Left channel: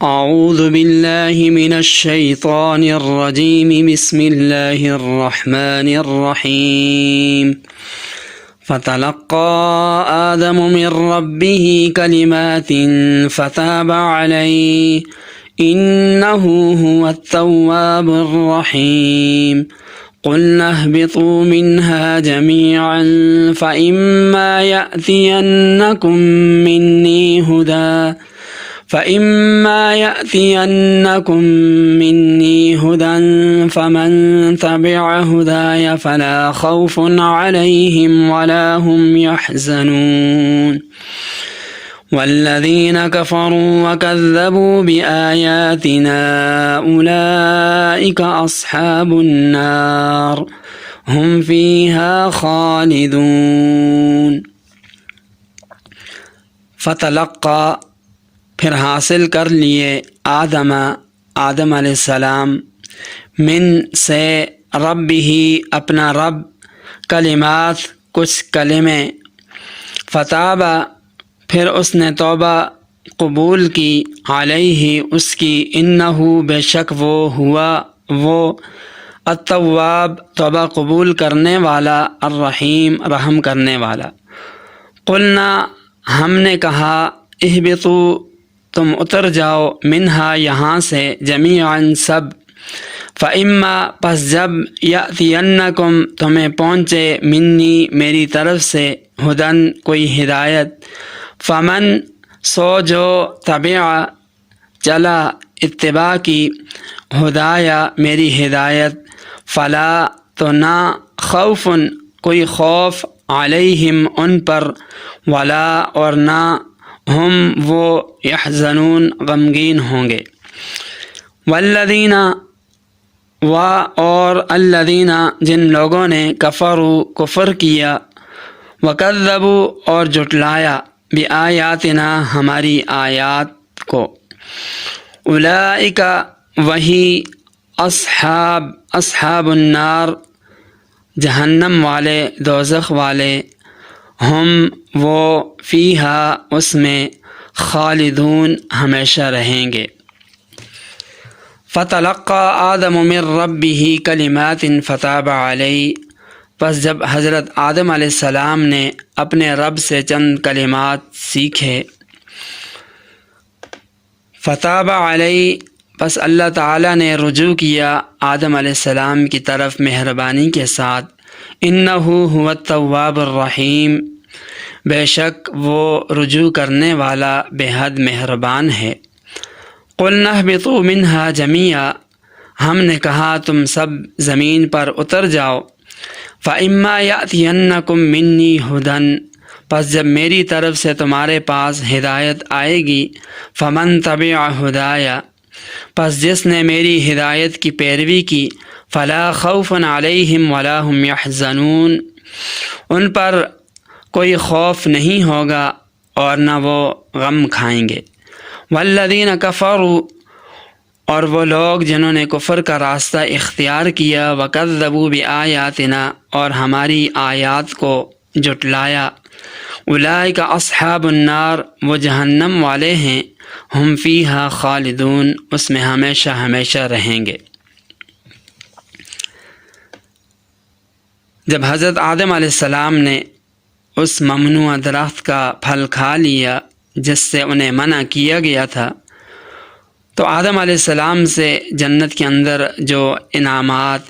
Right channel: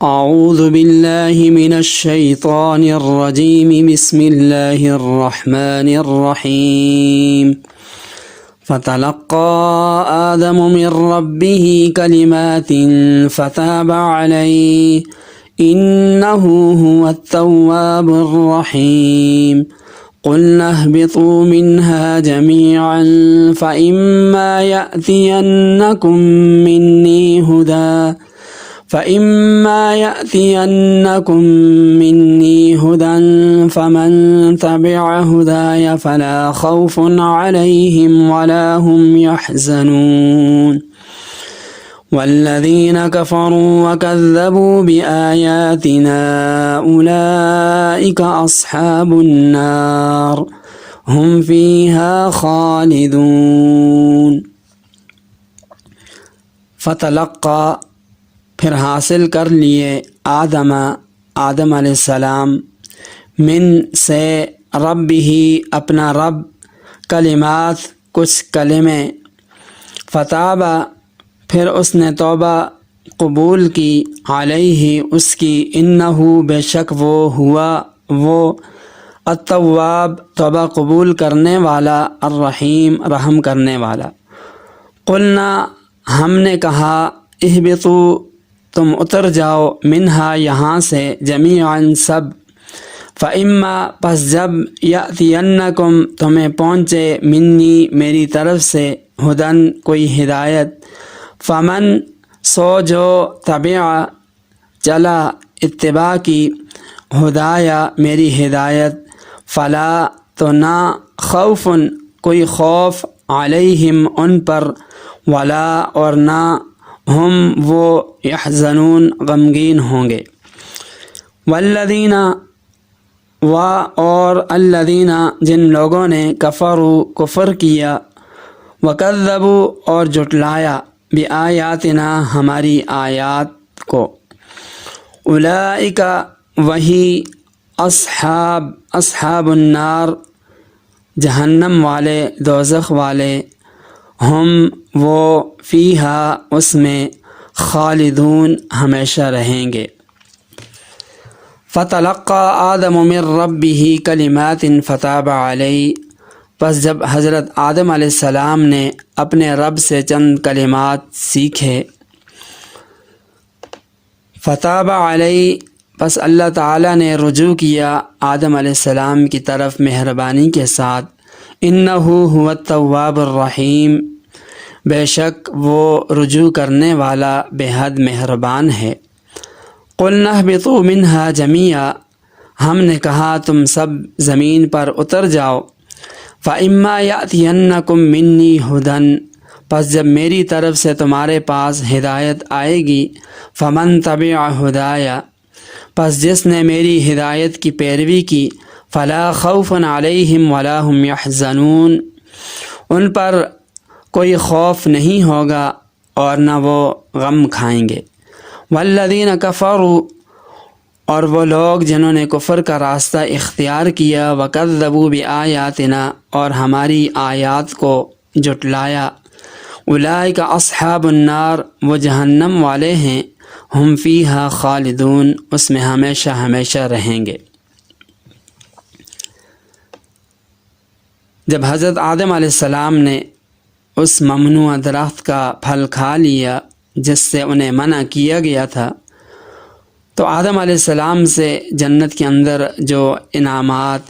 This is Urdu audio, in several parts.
اعوذ باللہ من الشیطان الرجیم بسم اللہ الرحمن الرحیم فتلقى آدم من ربه كلمات فتاب عليه إنه هو التواب الرحيم قلنا اهبطوا منها جميعا فإما يأتينكم مني هدى فمن تبع هداي فلا خوف عليهم ولا هم يحزنون والذين كفروا وكذبوا بآياتنا أولئك أصحاب النار هم فيها خالدون۔ فتلقى پھر حاصل کر لیے آدم علیہ السلام من سے رب ہی اپنا رب کلمات کچھ کلمے فتابہ پھر اس نے توبہ قبول کی علیہ اس کی انہو بے شک وہ ہوا وہ التواب توبہ قبول کرنے والا الرحیم رحم کرنے والا۔ قلنا ہم نے کہا اہبطوا تم اتر جاؤ منہا یہاں سے جمیعاً سب فإما پس جب یأتینکم تمہیں پہنچے منی میری طرف سے ہدن کوئی ہدایت فمن سو جو تبع چلا اتباع کی ہدایہ میری ہدایت فلا تو نہ خوف کوئی خوف علیہم ان پر ولا اور نہ ہم وہ یحزنون غمگین ہوں گے۔ والذین و اور الذین جن لوگوں نے کفروا کفر کیا وکذبوا اور جھٹلایا بآیاتنا ہماری آیات کو اولئک وہی اصحاب النار جہنم والے دوزخ والے ہم وہ فیہا اس میں خالدون ہمیشہ رہیں گے۔ فتلقى آدم من ربه کلمات فتاب علیہ پس جب حضرت آدم علیہ السلام نے اپنے رب سے چند کلمات سیکھے فتاب علیہ پس اللہ تعالیٰ نے رجوع کیا آدم علیہ السلام کی طرف مہربانی کے ساتھ انہو هو التواب الرحیم بے شک وہ رجوع کرنے والا بے حد مہربان ہے۔ قلنا اہبطوا منہا جمیعا ہم نے کہا تم سب زمین پر اتر جاؤ فإما یأتینکم منی ہدی پس جب میری طرف سے تمہارے پاس ہدایت آئے گی فمن تبع ہدایا پس جس نے میری ہدایت کی پیروی کی فلا خوف علیہم ولا هم یحزنون ان پر کوئی خوف نہیں ہوگا اور نہ وہ غم کھائیں گے۔ والذین کفروا اور وہ لوگ جنہوں نے کفر کا راستہ اختیار کیا وکذبوا بآیاتنا اور ہماری آیات کو جھٹلایا اولئک اصحاب النار وہ جہنم والے ہیں ہم فیہا خالدون اس میں ہمیشہ ہمیشہ رہیں گے۔ جب حضرت آدم علیہ السلام نے اس ممنوع درخت کا پھل کھا لیا جس سے انہیں منع کیا گیا تھا تو آدم علیہ السلام سے جنت کے اندر جو انعامات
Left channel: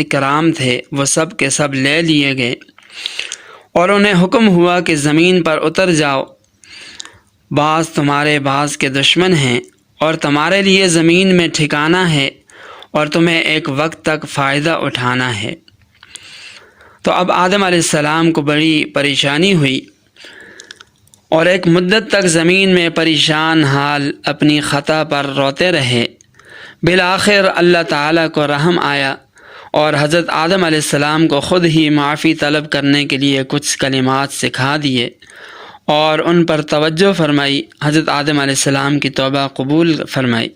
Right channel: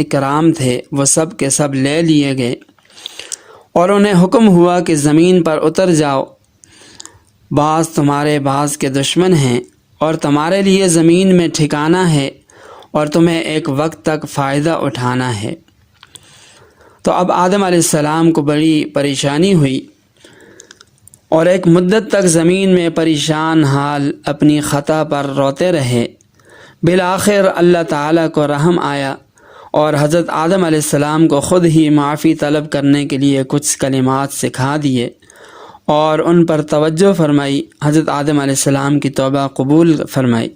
اکرام تھے وہ سب کے سب لے لیے گئے اور انہیں حکم ہوا کہ زمین پر اتر جاؤ بعض تمہارے بعض کے دشمن ہیں اور تمہارے لیے زمین میں ٹھکانہ ہے اور تمہیں ایک وقت تک فائدہ اٹھانا ہے۔ تو اب آدم علیہ السلام کو بڑی پریشانی ہوئی اور ایک مدت تک زمین میں پریشان حال اپنی خطا پر روتے رہے۔ بالآخر اللہ تعالیٰ کو رحم آیا اور حضرت آدم علیہ السلام کو خود ہی معافی طلب کرنے کے لیے کچھ کلمات سکھا دیے اور ان پر توجہ فرمائی، حضرت آدم علیہ السلام کی توبہ قبول فرمائی۔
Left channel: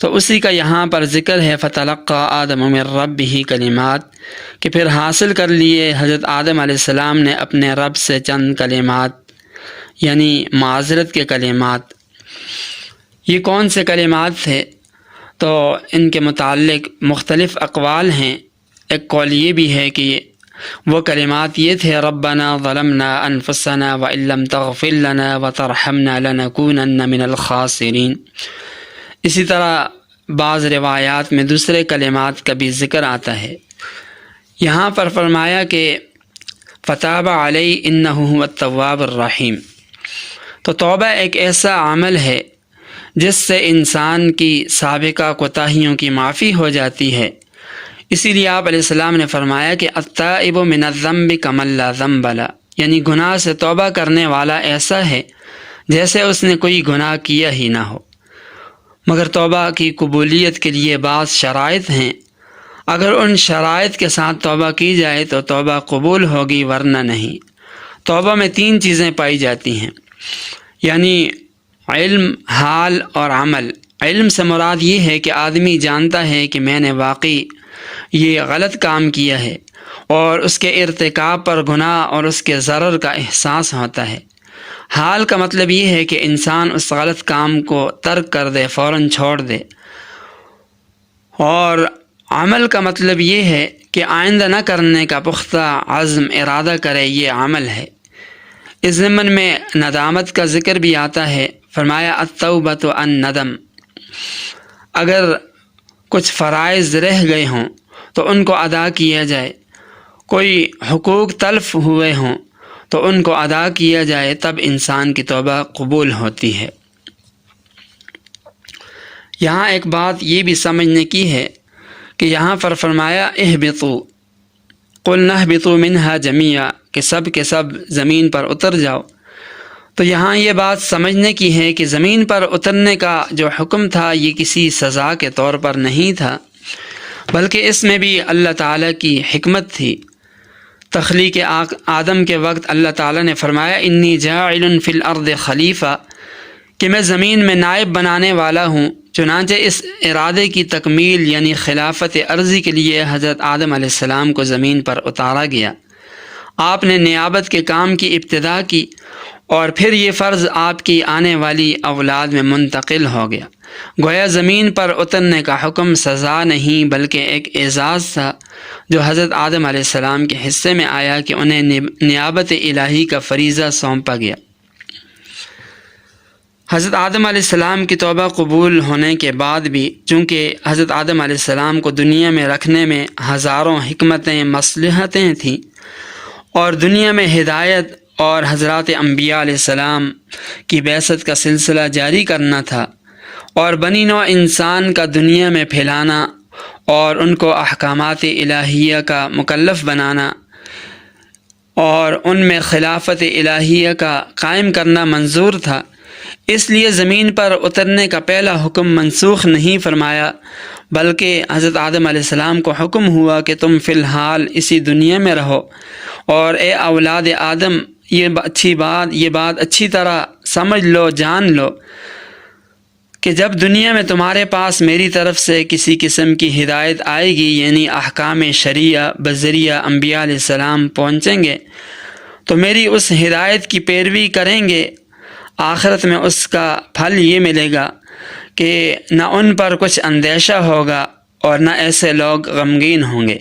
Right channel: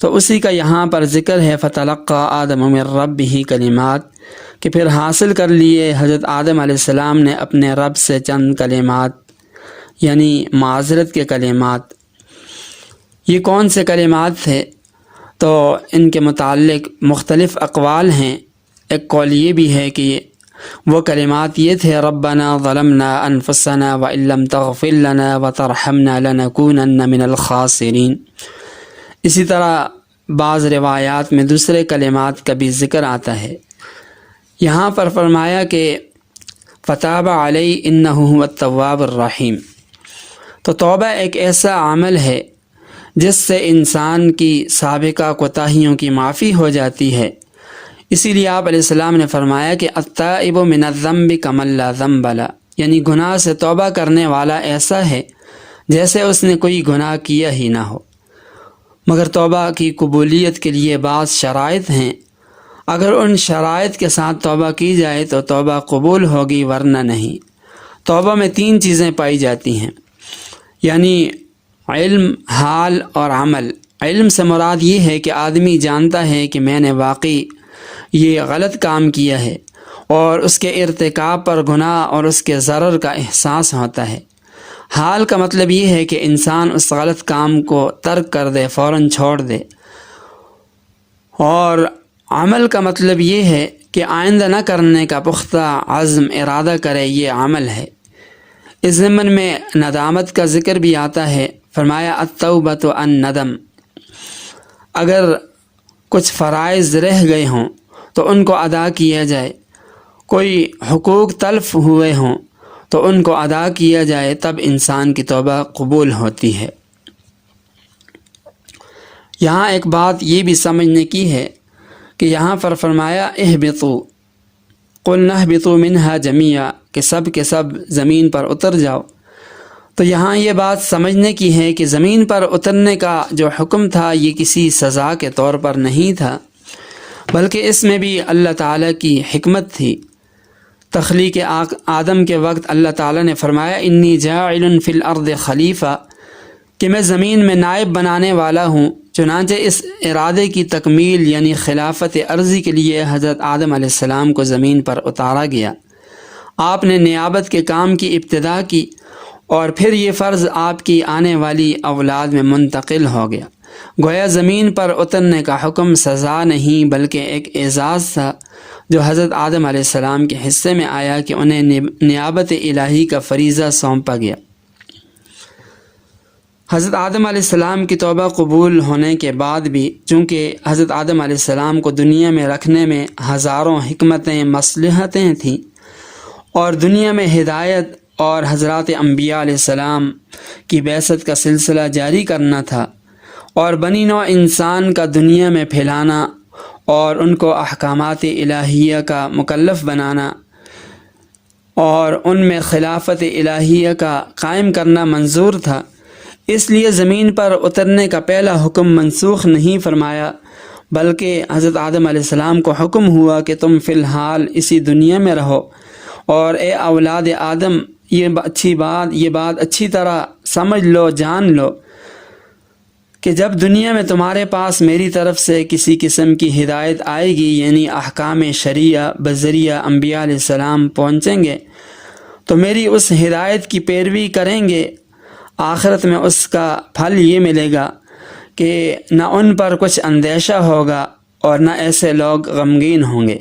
تو اسی کا یہاں پر ذکر ہے فتلقى آدم من ربه کلمات کہ پھر حاصل کر لیے حضرت آدم علیہ السلام نے اپنے رب سے چند کلمات یعنی معذرت کے کلمات یہ کون سے کلمات تھے؟ تو ان کے متعلق مختلف اقوال ہیں۔ ایک قول یہ بھی ہے کہ وہ کلمات یہ تھے: ربنا ظلمنا انفسنا وان لم تغفر لنا وترحمنا لنکونن من الخاسرین۔ اسی طرح بعض روایات میں دوسرے کلمات کا بھی ذکر آتا ہے۔ یہاں پر فرمایا کہ فتاب علی انہ هو التواب الرحیم۔ تو توبہ ایک ایسا عمل ہے جس سے انسان کی سابقہ کوتاہیوں کی معافی ہو جاتی ہے۔ اسی لیے آپ علیہ السلام نے فرمایا کہ التائب من الذنب کمن لا ذنب له، یعنی گناہ سے توبہ کرنے والا ایسا ہے جیسے اس نے کوئی گناہ کیا ہی نہ ہو۔ مگر توبہ کی قبولیت کے لیے بعض شرائط ہیں۔ اگر ان شرائط کے ساتھ توبہ کی جائے تو توبہ قبول ہوگی، ورنہ نہیں۔ توبہ میں 3 چیزیں پائی جاتی ہیں، یعنی علم، حال اور عمل۔ علم سے مراد یہ ہے کہ آدمی جانتا ہے کہ میں نے واقعی یہ غلط کام کیا ہے، اور اس کے ارتکاب پر گناہ اور اس کے ضرر کا احساس ہوتا ہے۔ حال کا مطلب یہ ہے کہ انسان اس غلط کام کو ترک کر دے، فوراً چھوڑ دے۔ اور عمل کا مطلب یہ ہے کہ آئندہ نہ کرنے کا پختہ عزم ارادہ کرے، یہ عمل ہے۔ اس ضمن میں ندامت کا ذکر بھی آتا ہے۔ فرمایا التوبۃ الندم۔ اگر کچھ فرائض رہ گئے ہوں تو ان کو ادا کیا جائے، کوئی حقوق تلف ہوئے ہوں تو ان کو ادا کیا جائے، تب انسان کی توبہ قبول ہوتی ہے۔ یہاں ایک بات یہ بھی سمجھنے کی ہے کہ یہاں پر فرمایا اہبطوا، قلنا اہبطوا منہا جمیعا، کہ سب کے سب زمین پر اتر جاؤ۔ تو یہاں یہ بات سمجھنے کی ہے کہ زمین پر اترنے کا جو حکم تھا یہ کسی سزا کے طور پر نہیں تھا، بلکہ اس میں بھی اللہ تعالیٰ کی حکمت تھی۔ تخلیق آدم کے وقت اللہ تعالیٰ نے فرمایا انی جاعل فی الارض خلیفہ، کہ میں زمین میں نائب بنانے والا ہوں۔ چنانچہ اس ارادے کی تکمیل یعنی خلافت ارضی کے لیے حضرت آدم علیہ السلام کو زمین پر اتارا گیا۔ آپ نے نیابت کے کام کی ابتدا کی، اور پھر یہ فرض آپ کی آنے والی اولاد میں منتقل ہو گیا۔ گویا زمین پر اترنے کا حکم سزا نہیں بلکہ ایک اعزاز تھا جو حضرت آدم علیہ السلام کے حصے میں آیا کہ انہیں نیابت الہی کا فریضہ سونپا گیا۔ حضرت آدم علیہ السلام کی توبہ قبول ہونے کے بعد بھی چونکہ حضرت آدم علیہ السلام کو دنیا میں رکھنے میں ہزاروں حکمتیں، مصلحتیں تھیں، اور دنیا میں ہدایت اور حضرات انبیاء علیہ السلام کی بعثت کا سلسلہ جاری کرنا تھا، اور بنی نوع انسان کا دنیا میں پھیلانا اور ان کو احکامات الہیہ کا مکلف بنانا اور ان میں خلافت الہیہ کا قائم کرنا منظور تھا۔ اس لیے زمین پر اترنے کا پہلا حکم منسوخ نہیں فرمایا، بلکہ حضرت آدم علیہ السلام کو حکم ہوا کہ تم فی الحال اسی دنیا میں رہو، اور اے اولاد آدم یہ بات اچھی طرح سمجھ لو، جان لو کہ جب دنیا میں تمہارے پاس میری طرف سے کسی قسم کی ہدایت آئے گی، یعنی احکام شریعہ بذریعہ انبیاء علیہ السلام پہنچیں گے، تو میری اس ہدایت کی پیروی کریں گے۔ آخرت میں اس کا پھل یہ ملے گا کہ نہ ان پر کچھ اندیشہ ہوگا اور نہ ایسے لوگ غمگین ہوں گے۔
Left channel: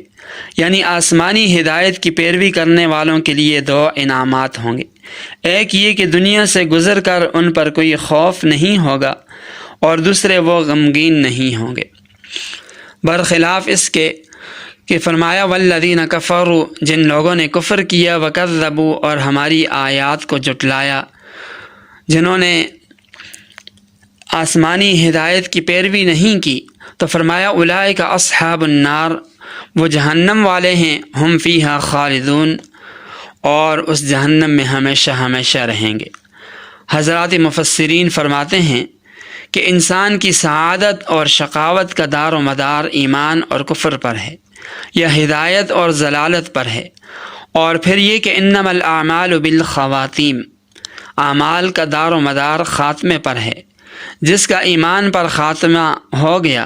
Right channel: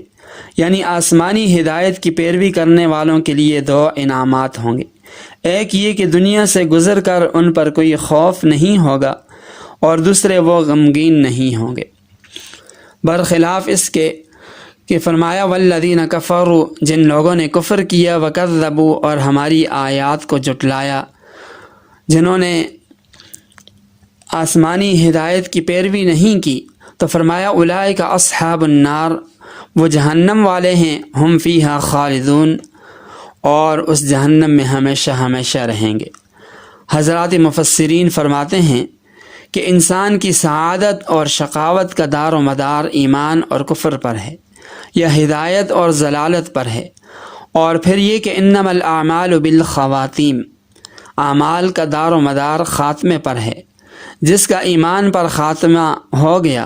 یعنی آسمانی ہدایت کی پیروی کرنے والوں کے لیے 2 انعامات ہوں گے۔ ایک یہ کہ دنیا سے گزر کر ان پر کوئی خوف نہیں ہوگا، اور دوسرے وہ غمگین نہیں ہوں گے۔ برخلاف اس کے کہ فرمایا والذین کفروا، جن لوگوں نے کفر کیا، وکذبوا، اور ہماری آیات کو جھٹلایا، جنہوں نے آسمانی ہدایت کی پیروی نہیں کی، تو فرمایا اولئک اصحاب النار، وہ جہنم والے ہیں، ہم فیہا خالدون، اور اس جہنم میں ہمیشہ ہمیشہ رہیں گے۔ حضرات مفسرین فرماتے ہیں کہ انسان کی سعادت اور شقاوت کا دار و مدار ایمان اور کفر پر ہے یا ہدایت اور ضلالت پر ہے، اور پھر یہ کہ انما الاعمال بالخواتیم، اعمال کا دار و مدار خاتمے پر ہے۔ جس کا ایمان پر خاتمہ ہو گیا،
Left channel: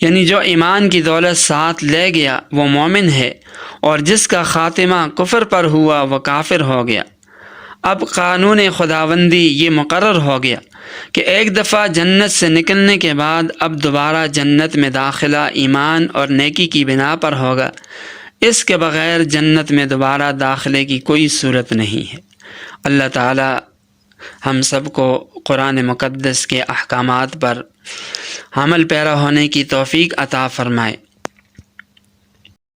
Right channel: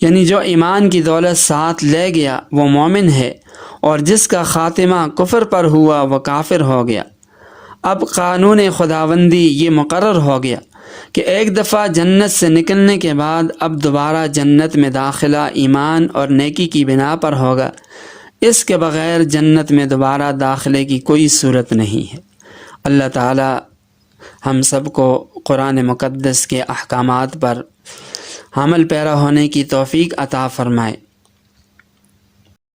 یعنی جو ایمان کی دولت ساتھ لے گیا، وہ مومن ہے، اور جس کا خاتمہ کفر پر ہوا وہ کافر ہو گیا۔ اب قانون خداوندی یہ مقرر ہو گیا کہ ایک دفعہ جنت سے نکلنے کے بعد اب دوبارہ جنت میں داخلہ ایمان اور نیکی کی بنا پر ہوگا، اس کے بغیر جنت میں دوبارہ داخلے کی کوئی صورت نہیں ہے۔ اللہ تعالی ہم سب کو قرآن مقدس کے احکامات پر عمل پیرا ہونے کی توفیق عطا فرمائے۔